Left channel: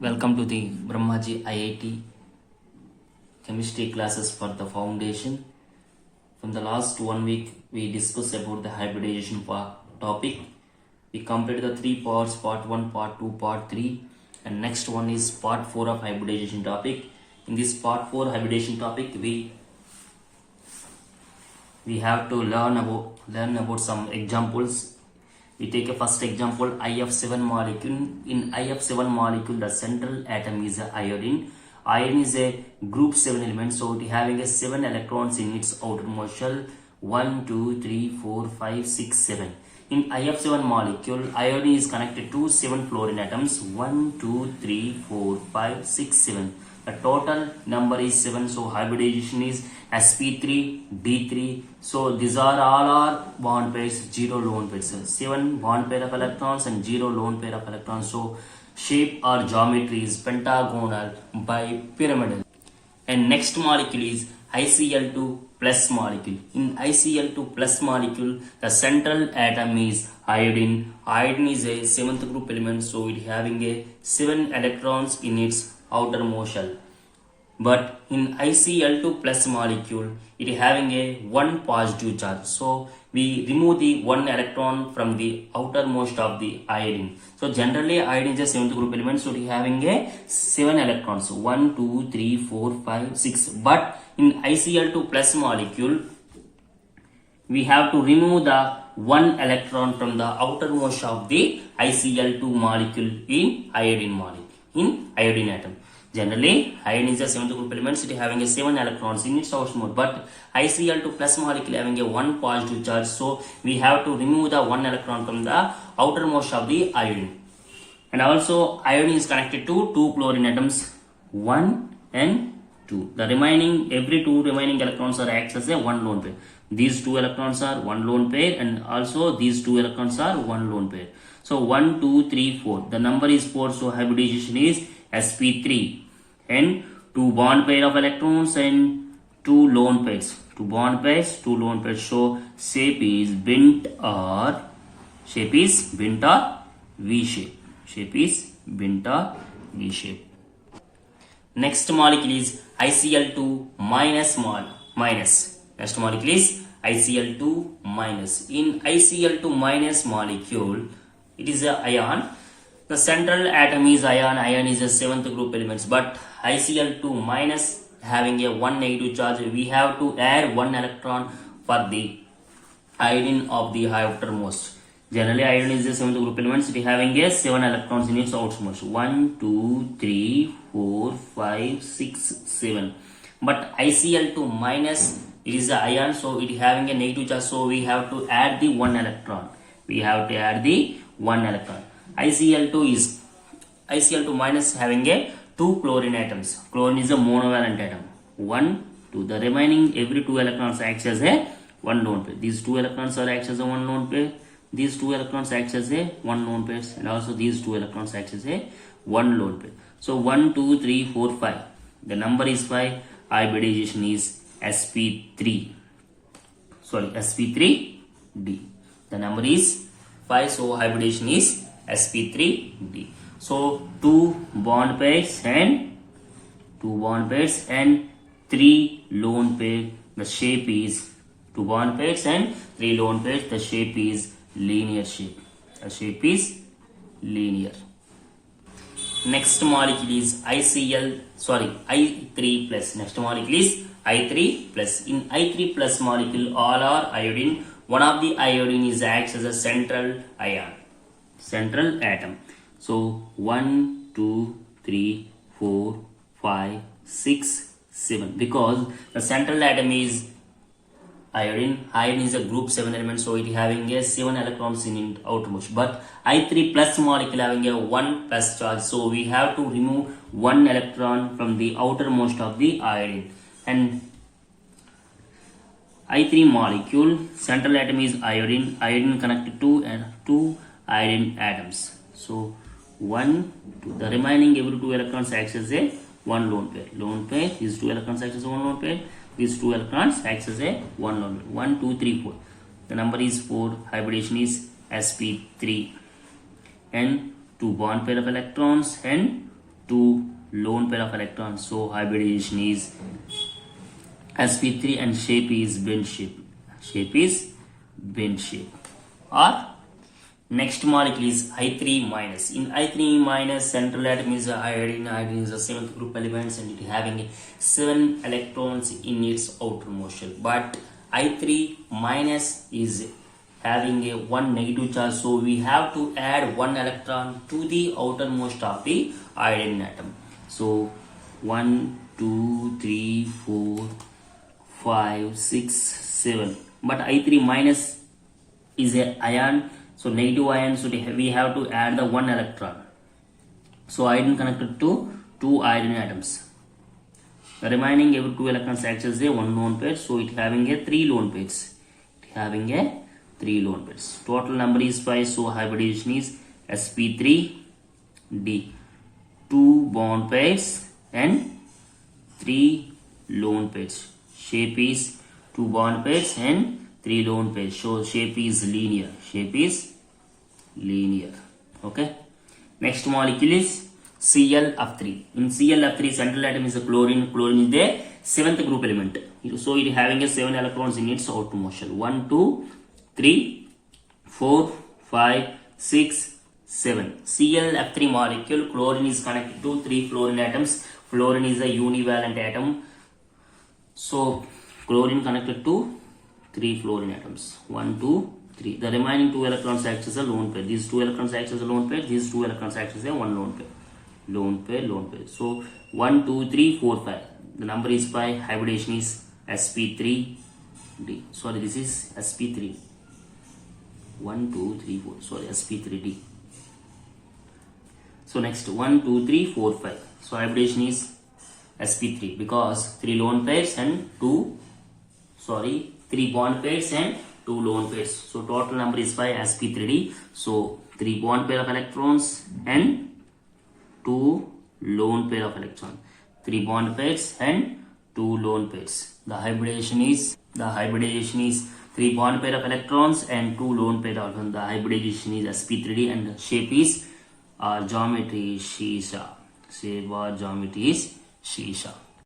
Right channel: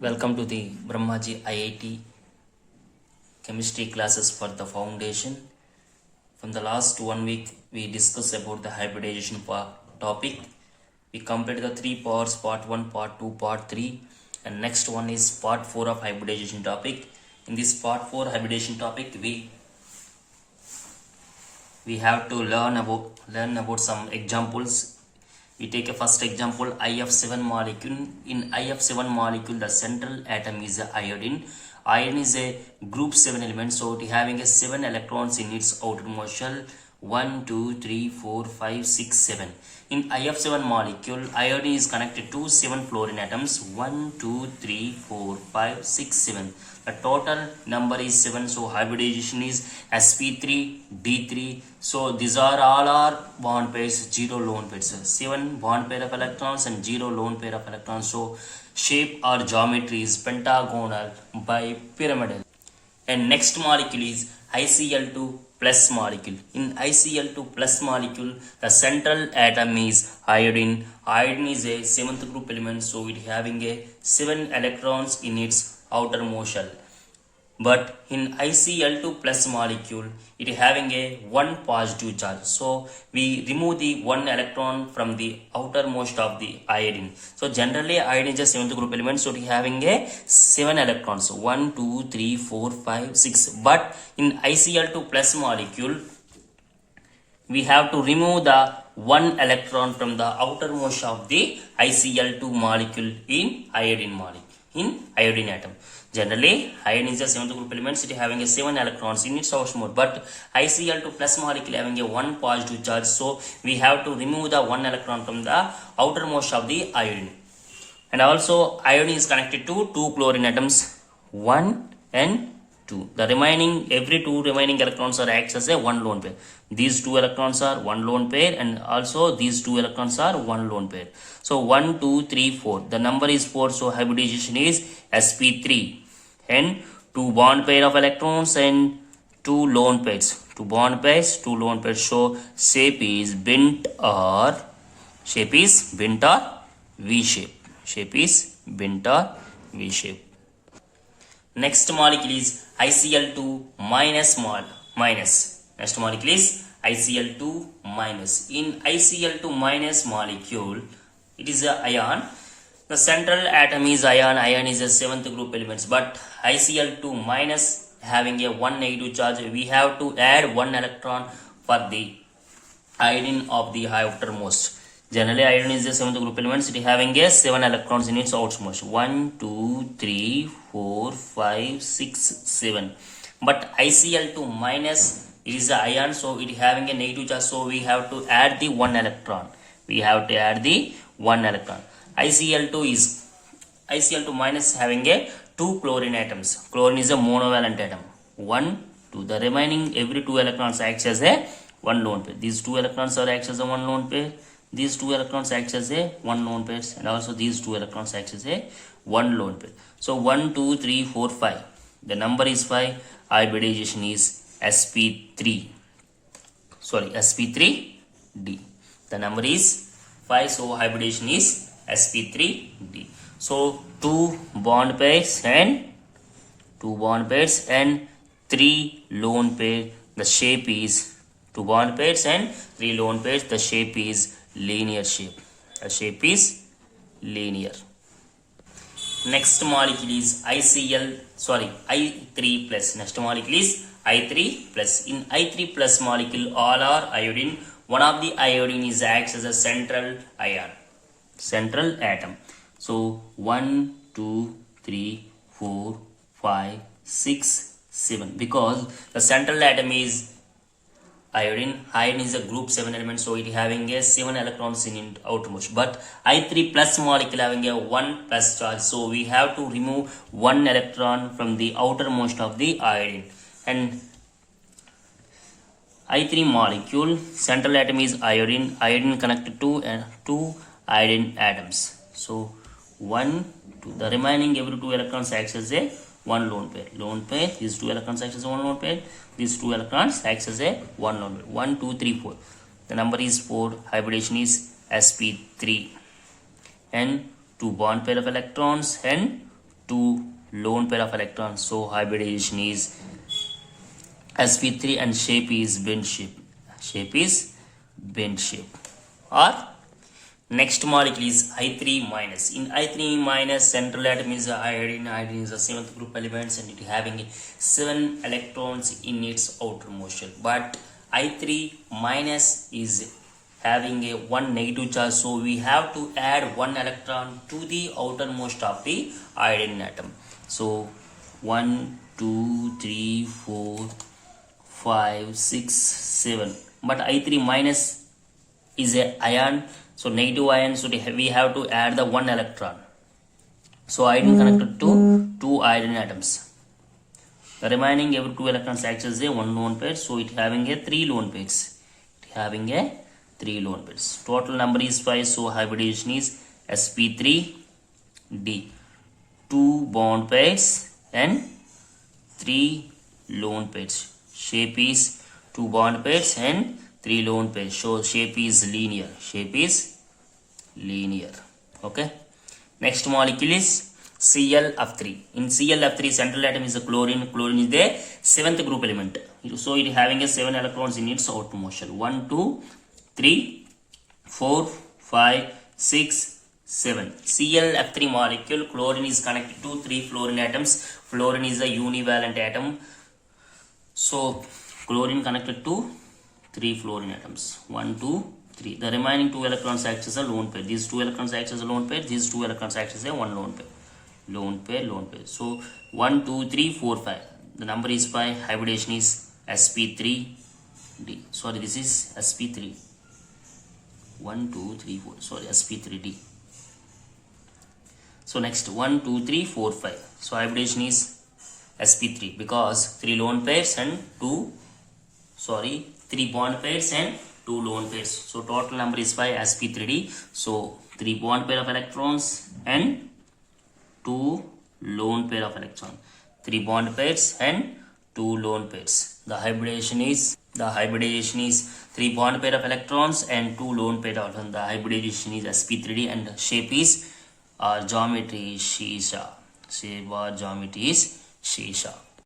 Welcome to the Brahmaji IIT chemistry classes for the foundation. From the last 1 week, we discussed about the hybridization topic. We completed the 3 parts, part 1, part 2, part 3, and next one is part 4 of hybridization topic. In this part 4 hybridization topic, we have to learn about some examples. We take a first example, IF7 molecule. In IF7 molecule, the central atom is iodine. Iodine is a group 7 element, so it having a 7 electrons in its outermost shell. 1, 2, 3, 4, 5, 6, 7. In IF7 molecule, iodine is connected to 7 fluorine atoms. 1, 2, 3, 4, 5, 6, 7. The total number is 7. So hybridization is sp3, d3. So these are all our bond pairs, 0 lone pairs. 7 bond pair of electrons and 0 lone pair of electrons. So shape or geometry is pentagonal bipyramidal. And next molecule is ICl2 plus molecule. In ICl2 plus molecule, the central atom is iodine. Iodine is a 7th group element, so it having a 7 electrons in its outermost shell. But in ICl2 plus molecule, it having a 1 positive charge. So we remove the 1 electron from the outermost of the iodine. So generally iodine is a 7th group element, so it having a 7 electrons. 1, 2, 3, 4, 5, 6. But in ICl2 plus molecule, we have to remove the 1 electron from the outermost of the ICl2 molecule in iodine atom. Generally, iodine is a 7th group element, it having a 7 electrons in its outermost, but ICl2 plus molecule having a 1 positive charge, so we have to remove the 1 electron from the outermost of the iodine. And also, iodine is connected to 2 chlorine atoms, 1 and 2. The remaining, every 2 remaining electrons are acts as a 1 lone pair. These 2 electrons are 1 lone pair, and also these 2 electrons are 1 lone pair. So 1, 2, 3, 4. The number is 4, so hybridization is sp3. And 2 bond pair of electrons and 2 lone pairs. 2 bond pairs, 2 lone pairs. So shape is bent or V shape. Shape is bent or V shape. Next molecule is ICl2 minus. Next molecule is ICl2 minus. In ICl2 minus molecule, it is a ion. The central atom is ion. Ion is a 7th group elements, but ICl2 minus having a 1 negative charge. We have to add 1 electron for the iodine of the outermost. Generally, iodine is a 7th group elements. It having a 7 electrons in its outermost. 1, 2, 3, 4, 5, 6, 7. But ICl2 minus, it is a ion, so it having a negative charge. So we have to add the 1 electron. ICl2 minus having a 2 chlorine atoms. Chlorine is a monovalent atom. 1, 2. The remaining every 2 electrons acts as a 1 lone pair. These 2 electrons are acts as a 1 lone pair. These 2 electrons acts as a 1 lone pair, and also these 2 electrons acts as a 1 lone pair. So 1, 2, 3, 4, 5. The number is 5. Hybridization is sp3. sp3d. The number is 5. So hybridization is sp3d. So 2 bond pairs and 3 lone pair. The shape is 2 bond pairs and 3 lone pairs. The shape is linear shape. The shape is linear. Next molecule is I3 plus. Next molecule is I3 plus. In I3 plus molecule, all are iodine. One of the iodine is acts as a central atom. So 1, 2, 3, 4, 5, 6, 7. Because the central atom is iodine. Iodine is a group 7 element, so it having a 7 electrons in its outermost. But I3 plus molecule having a 1 plus charge, so we have to remove 1 electron from the outermost of the iodine. And I3 molecule, central atom is iodine. Iodine connected to 2 iodine atoms. So 1, 2. The remaining every 2 electrons acts as a 1 lone pair. These 2 electrons acts as a 1 lone pair. These 2 electrons acts as a 1 lone pair. 1, 2, 3, 4. The number is 4. Hybridization is sp3. And 2 bond pair of electrons and 2 lone pair of electrons. So hybridization is sp3 and shape is bent shape. Shape is bent shape. Or next molecule is I3 minus. In I3 minus, central atom is iodine. Iodine is the 7th group elements and it having 7 electrons in its outermost shell. But I3 minus is having a 1 negative charge, so we have to add 1 electron to the outermost of the iodine atom. So 1, 2, 3, 4, 5, 6, 7. But I3 minus is a ion, so negative ion, so we have to add the 1 electron. So iodine connected to 2 iodine atoms. The remaining every 2 electrons acts as a 1 lone pair, so it having a 3 lone pairs. It having a 3 lone pairs. Total number is 5, so hybridization is sp3d. 2 bond pairs and 3 lone pairs. Shape is 2 bond pairs and 3 lone pairs. So shape is linear. Shape is linear. Okay. Next molecule is ClF3. In ClF3, central atom is a chlorine. Chlorine is the 7th group element. So it having a 7 electrons in its outermost shell. 1, 2, 3, 4, 5, 6, 7. ClF3 molecule. Chlorine is connected to 3 fluorine atoms. Fluorine is a univalent atom. So chlorine connected to 3 fluorine atoms. 1, 2, 3. The remaining 2 electrons act as a lone pair. These 2 electrons act as a lone pair. These 2 electrons act as a 1 lone pair. Lone pair, lone pair. So 1, 2, 3, 4, 5. The number is 5. Hybridization is sp3d. Sorry, this is sp3. 1, 2, 3, 4. Sorry, sp3d. So next 1, 2, 3, 4, 5. So hybridization is sp3 because 3 lone pairs and 3 bond pairs and 2 lone pairs. So total number is 5, sp3d. So 3 bond pair of electrons and 2 lone pair of electrons. 3 bond pairs and 2 lone pairs. The hybridization is 3 bond pair of electrons and 2 lone pair of electrons. The hybridization is sp3d and shape is geometry is shisha. Shape or geometry is shisha.